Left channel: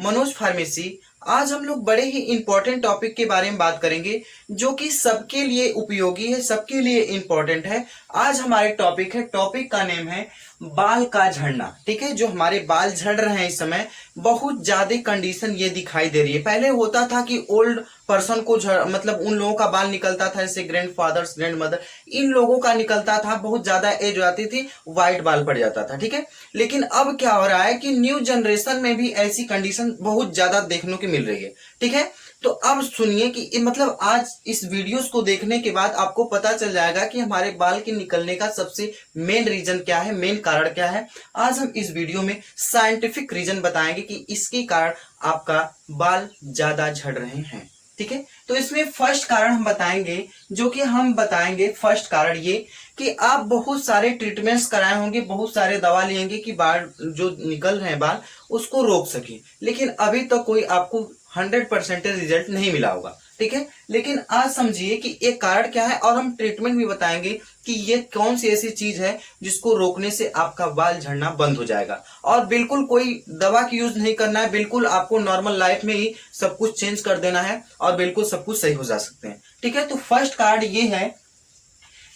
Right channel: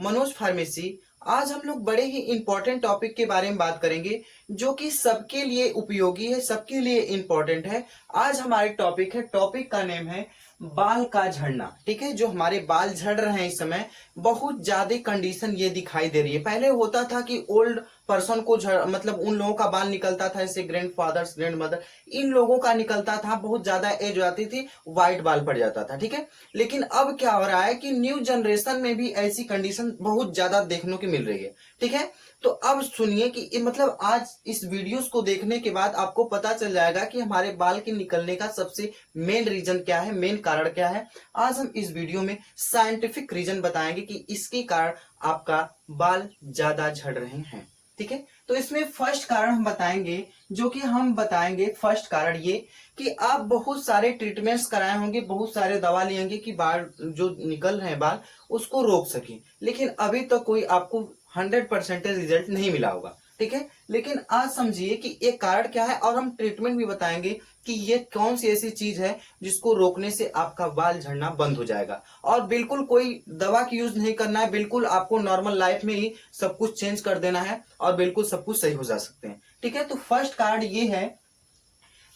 Manoj pharmacy. आज हम लोग बड़े ही इंपॉर्टेंट टॉपिक के बारे में बात करेंगे जो कि सबके लिए उपयोगी है, सबके लिए इंपॉर्टेंट है। आज हमारे टॉपिक का नेम है बाल का झड़ना। ठीक है, जो हमारे बाल झड़ रहे हैं इस समय बहुत ज्यादा कंडीशन ये दिखाई दे रही है। पहले होता था कि ओल्ड पर्सन को मतलब उन लोगों का बाल निकलता था, जैसे ग्रैंड फादर्स ग्रैंड मदर, इन लोगों का निकलता था, बहुत ज्यादा एज हो जाती थी, व्हाइट बाल पड़ जाता था। ठीक है, लेकिन अब क्या हो रहा है कि न्यू जनरेशन में भी ऐसी कंडीशन बहुत ज्यादा देखने को मिल रही है। ठीक है, तो अब सुनिए कि मतलब आज इस वीडियोस को देखने के बाद आपको पता चल जाएगा कि हमारे बाल के निकलने का सबसे मेन रीजन क्या है, मेन कारण क्या है। आज हम इस वीडियो में साइंटिफिक रीजन बताएंगे कि इसके कारण आपका बाल ज्यादा झड़ रहे हैं। ठीक है, तो इसमें फर्स्ट कारण हम बताएंगे, जो कि हम बताएंगे फर्स्ट कारण ये कि आप बहुत सारे ट्रीटमेंट्स कराए होंगे, बहुत सारे दवा लेंगे कि बाल जो निकल रहे हैं बाल उसको रोक सके, लेकिन अभी तक कोई आपको 100% रिजल्ट नहीं मिला होगा। ठीक है, लेकिन आज समझिए कि ये कारण क्या है और हम ट्रीटमेंट भी बताएंगे कि ये कौन सी ऐसी चीज है जिसको रोकने से आपका बाल झड़ना बंद हो जाएगा। और बिल्कुल कोई दवा की यूज नहीं करना है, बिल्कुल आपको नॉर्मल लाइफ में ही सब कुछ चेंज कर देना है और बिल्कुल सब कुछ सही हो जा सकते हैं। ठीक है, तो फर्स्ट कारण ये है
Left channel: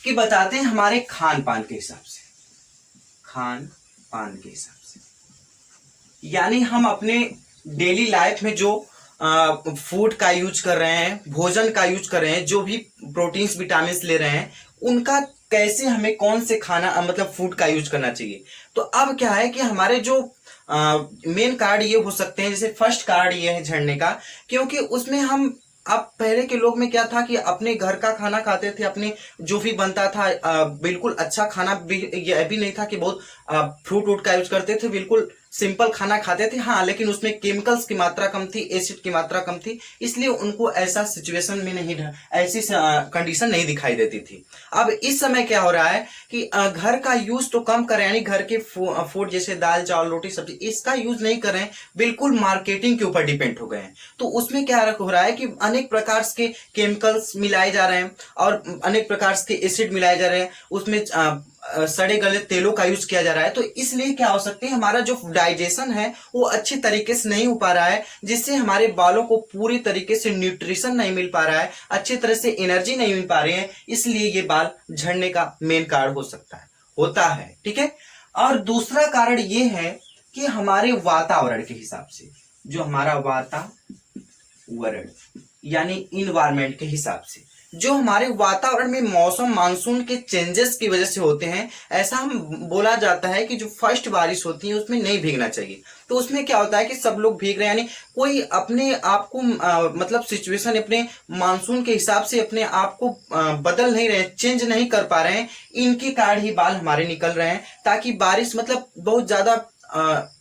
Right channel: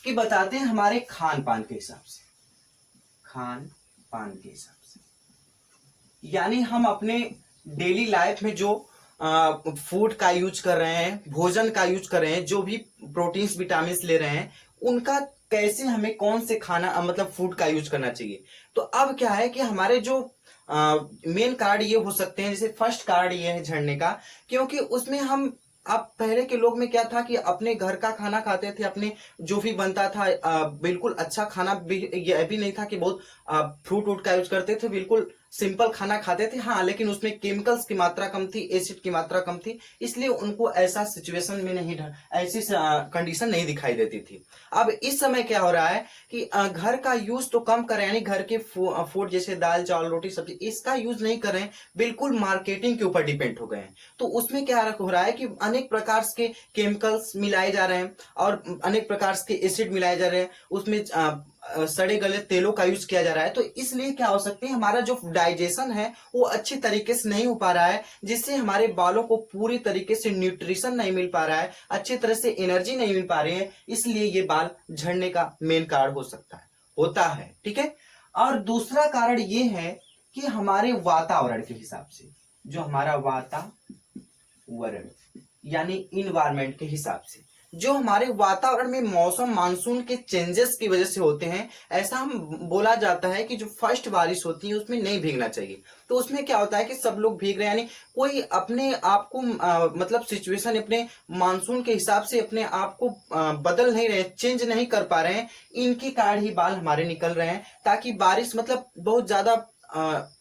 कि बताते हैं हमारे खान पान के हिसाब से, खान पान के हिसाब से, यानी हम अपने डेली लाइफ में जो फूड का यूज कर रहे हैं, भोजन का यूज कर रहे हैं, जो भी प्रोटीन्स विटामिन ले रहे हैं, उनका कैसे हमें कौन से खाना मतलब फूड का यूज करना चाहिए। तो अब क्या है कि हमारे जो मेन कारण ये हो सकते हैं, जैसे फर्स्ट कारण ये है झड़ने का, क्योंकि उसमें हम अब पहले के लोग में क्या था कि अपने घर का खाना खाते थे, अपने जो भी बनता था बिल्कुल अच्छा खाना भी, ये भी नहीं था कि बहुत फ्रूट वूट का यूज करते थे, बिल्कुल सिंपल खाना खाते थे। हाँ, लेकिन उसमें केमिकल्स की मात्रा कम थी, एसिड की मात्रा कम थी, इसलिए उनको ऐसा सिचुएशन में नहीं, ऐसी कंडीशन नहीं दिखाई देती थी। अब इस समय क्या हो रहा है कि घर का यूज तो कम करें, यानी घर के फूड जैसे दाल चावल रोटी सब्जी इसका यूज नहीं करें, बिल्कुल मार्केटिंग के ऊपर डिपेंड हो गए हैं। तो उसमें क्या हो रहा है कि अनेक प्रकार के केमिकल्स मिलाए जा रहे हैं और अनेक प्रकार के एसिड मिलाए जा रहे हैं, उसमें सड़े गले तेलों का यूज किया जा रहा है। तो इसलिए क्या हो सकती है, हमारा जो डाइजेशन है वो अच्छी तरीके से नहीं हो पा रहा है, जिससे हमारे बालों को पूरी तरीके से न्यूट्रिशन नहीं मिल पा रहा है, अच्छी तरह से एनर्जी नहीं मिल पा रही है, इसलिए ये बाल झड़ने का मेन कारण हो सकता है, होता है। ठीक है, और दूसरा कारण ये है कि हमारे वातावरण के हिसाब से, जो हमारा वातावरण यानी इन्वायरमेंट के हिसाब से, जो हमारे वातावरण में मौसम मानसून के चेंजेस की वजह से होते हैं, ऐसा हम बोला जाता है कि जो फर्स्ट बारिश होती है उसमें नहीं भीगना चाहिए। तो उसमें क्या होता है कि सब लोग भीग रहे हैं, यानी कोई अपने आप को मतलब सिचुएशन अपने मानसून के हिसाब से अपने आप को बदल नहीं रहे, चेंज नहीं कर पा रहे हैं, इनके कारण ही बाल हमारे निकल रहे हैं। ताकि बारिश मतलब बहुत ज्यादा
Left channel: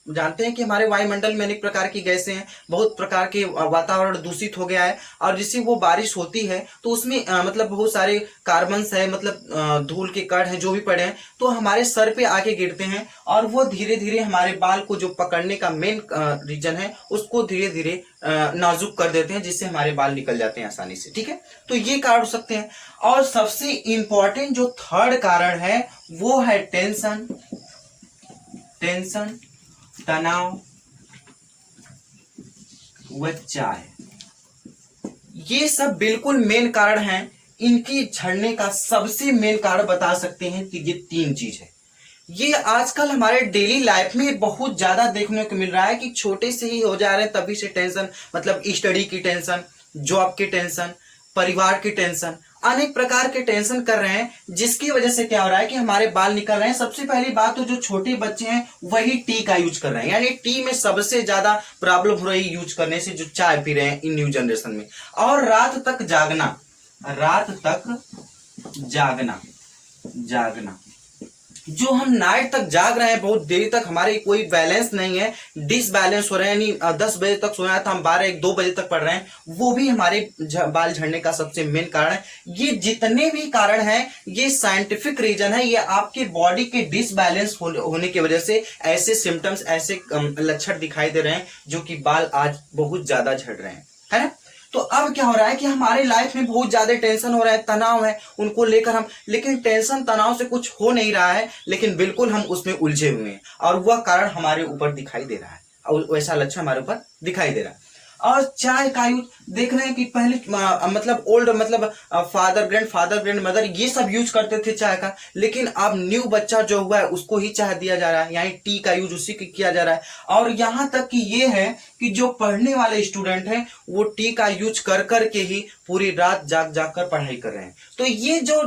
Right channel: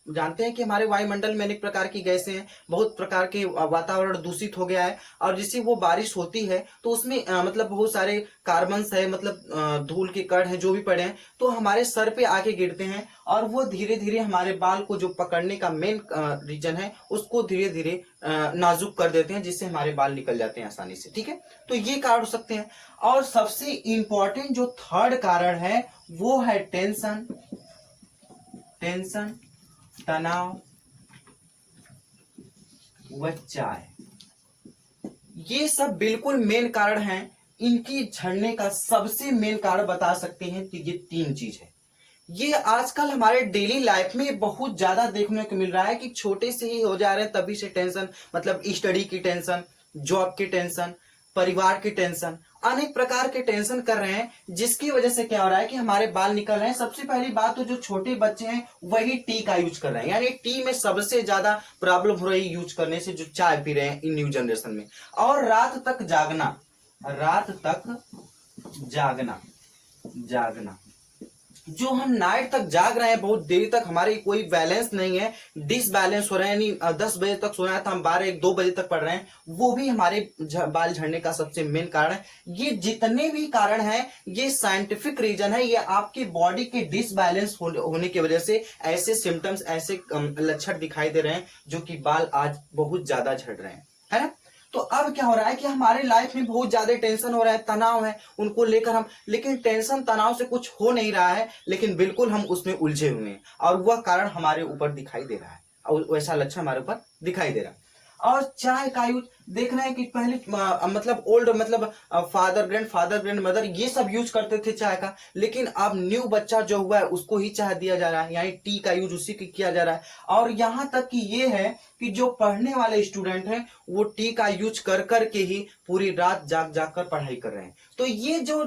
जानते हैं कि हमारे वायुमंडल में अनेक प्रकार की गैसें हैं, बहुत प्रकार के वातावरण दूषित हो गया है, और जिससे वो बारिश होती है तो उसमें मतलब बहुत सारे कार्बन्स है, मतलब धूल के कण हैं जो भी पड़े हैं, तो हमारे सर पे आके गिरते हैं और वो धीरे धीरे हमारे बाल को जो पकड़ने का मेन रीजन है उसको धीरे धीरे नाजुक कर देते हैं, जिससे हमारे बाल निकल जाते हैं आसानी से। ठीक है, तो ये कारण हो सकते हैं। और सबसे इंपॉर्टेंट जो थर्ड कारण है वो है टेंशन, तनाव व चाय। ये सब बिल्कुल मेन कारण हैं। इनकी झड़ने का सबसे मेन कारण बता सकते हैं कि ये तीन चीज है। ये आजकल हमारे डेली लाइफ में बहुत ज्यादा देखने को मिल रहा है कि छोटे से ही हो जा रहे हैं, तभी से टेंशन, मतलब स्टडी की टेंशन, जॉब की टेंशन, परिवार की टेंशन, अनेक प्रकार के टेंशन कर रहे हैं, जिसकी वजह से क्या हो रहा है कि हमारे बाल निकल रहे हैं। सबसे पहली बात तो जो छोटे बच्चे हैं वही टी का यूज कर रहे हैं, यानी टी में सबसे ज्यादा प्रॉब्लम हो रही है यूज करने से, जो चाय पी रहे हैं इन न्यू जनरेशन में। और रात तक जागना, रात तक जागना, जो हम नाइट तक जाग रहे हैं, बहुत देर तक, हमारे कोई बैलेंस नहीं है, डिसबैलेंस हो रहे हैं, यानी 10 बजे तक सोना था, हम 12-1-2 बजे तक पढ़ रहे हैं, वो भी हमारे बाल झड़ने का सबसे मेन कारण है। ये जितने भी कारण हैं ये साइंटिफिक रीजन है, ये आपके बॉडी के डिसबैलेंस होने की वजह से ऐसे सिम्टम्स, ऐसे लक्षण दिखाई दे रहे हैं, जो कि बाल आज बहुत ज्यादा झड़ रहे हैं, है ना। तो अब क्या हो रहा है कि हमारे लाइफ में बहुत ज्यादा टेंशन हो रहा है, तनाव है, उनको लेकर हम, लेकिन टेंशन तनाव से कुछ हो नहीं रहा है, लेकिन बिल्कुल हम उसमें उलझे हुए हैं और वह कारण हमारे ऊपर दिखाई दे रहा है। वैसा लक्षण हमारे ऊपर दिखाई दे रहा है। और चाय का यूज देख रहे हैं कि पहले मतलब ओल्ड मतलब फादर ग्रैंड मदर ये सब यूज करते थे चाय का, लेकिन अब न्यू बच्चा जो हुआ है उसको ही चाय दिया जा रहा है, यानी टी का यूज उसी के किया जा रहा है। और यहाँ तक कि ये है कि जो पढ़ने वाले स्टूडेंट हैं वो टी का यूज कर करके ही पूरी रात जाग जाग कर पढ़ाई कर रहे हैं। तो ये जो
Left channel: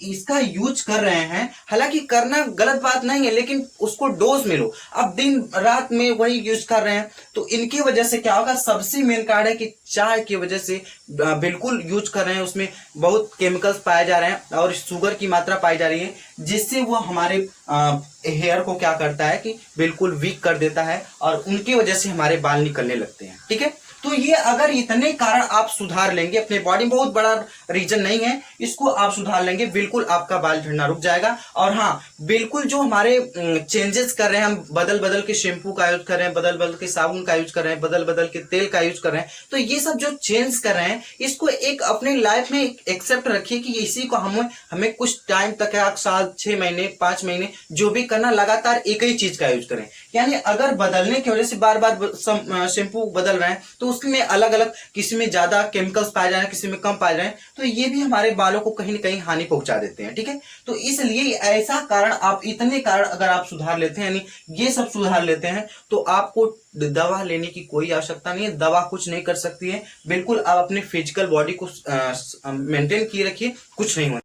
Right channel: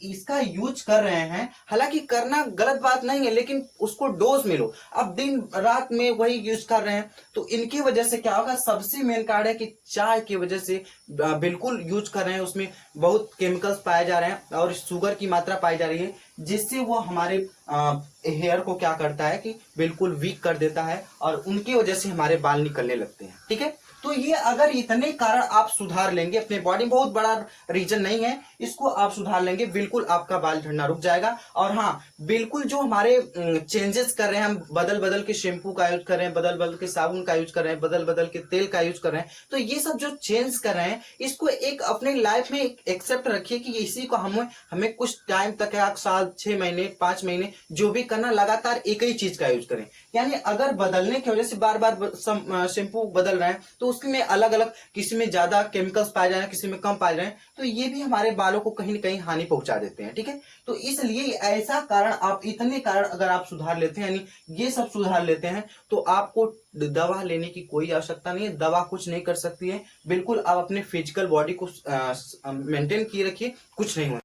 इसका यूज कर रहे हैं, हालांकि करना गलत बात नहीं है, लेकिन उसको डोज में लो। अब दिन रात में वही यूज कर रहे हैं, तो इनकी वजह से क्या होगा, सबसे मेन कारण है कि चाय की वजह से बिल्कुल यूज कर रहे हैं, उसमें बहुत केमिकल्स पाए जा रहे हैं और शुगर की मात्रा पाई जा रही है, जिससे वो हमारे हेयर को क्या करता है कि बिल्कुल वीक कर देता है और उनकी वजह से हमारे बाल निकलने लगते हैं। ठीक है, तो ये अगर इतने कारण आप सुधार लेंगे, अपने बॉडी में बहुत बड़ा रीजन नहीं है, इसको आप सुधार लेंगे, बिल्कुल आपका बाल झड़ना रुक जाएगा। और हाँ, बिल्कुल जो हमारे चेंजेस कर रहे हैं, हम बदल बदल के शैम्पू का यूज कर रहे हैं, बदल बदल के साबुन का यूज कर रहे हैं, बदल बदल के तेल का यूज कर रहे हैं, तो ये सब जो चेंज कर रहे हैं इसको एक अपने लाइफ में एक्सेप्ट रखिए कि इसी को हमें कुछ टाइम तक, 1 साल, 6 महीने, 5 महीने जो भी करना, लगातार एक ही चीज का यूज करें। यानी अगर बदलने की वजह से बार बार शैम्पू बदल रहे हैं तो उसमें अलग अलग, किसी में ज्यादा केमिकल्स पाए जा रहे हैं, किसी में कम पाए जा रहे हैं, तो ये भी हमारे बालों को कहीं ना कहीं हानि पहुंचा देते हैं। ठीक है, तो इसलिए ऐसा कारण, आप इतने कारण अगर आप सुधार लेते हैं, यानी ये सब सुधार लेते हैं, तो आपको दवा लेने की कोई आवश्यकता नहीं है। दवा कुछ नहीं कर सकती है, बिल्कुल आप अपने फिजिकल बॉडी को मेंटेन किए रखिए, कुछ नहीं होना।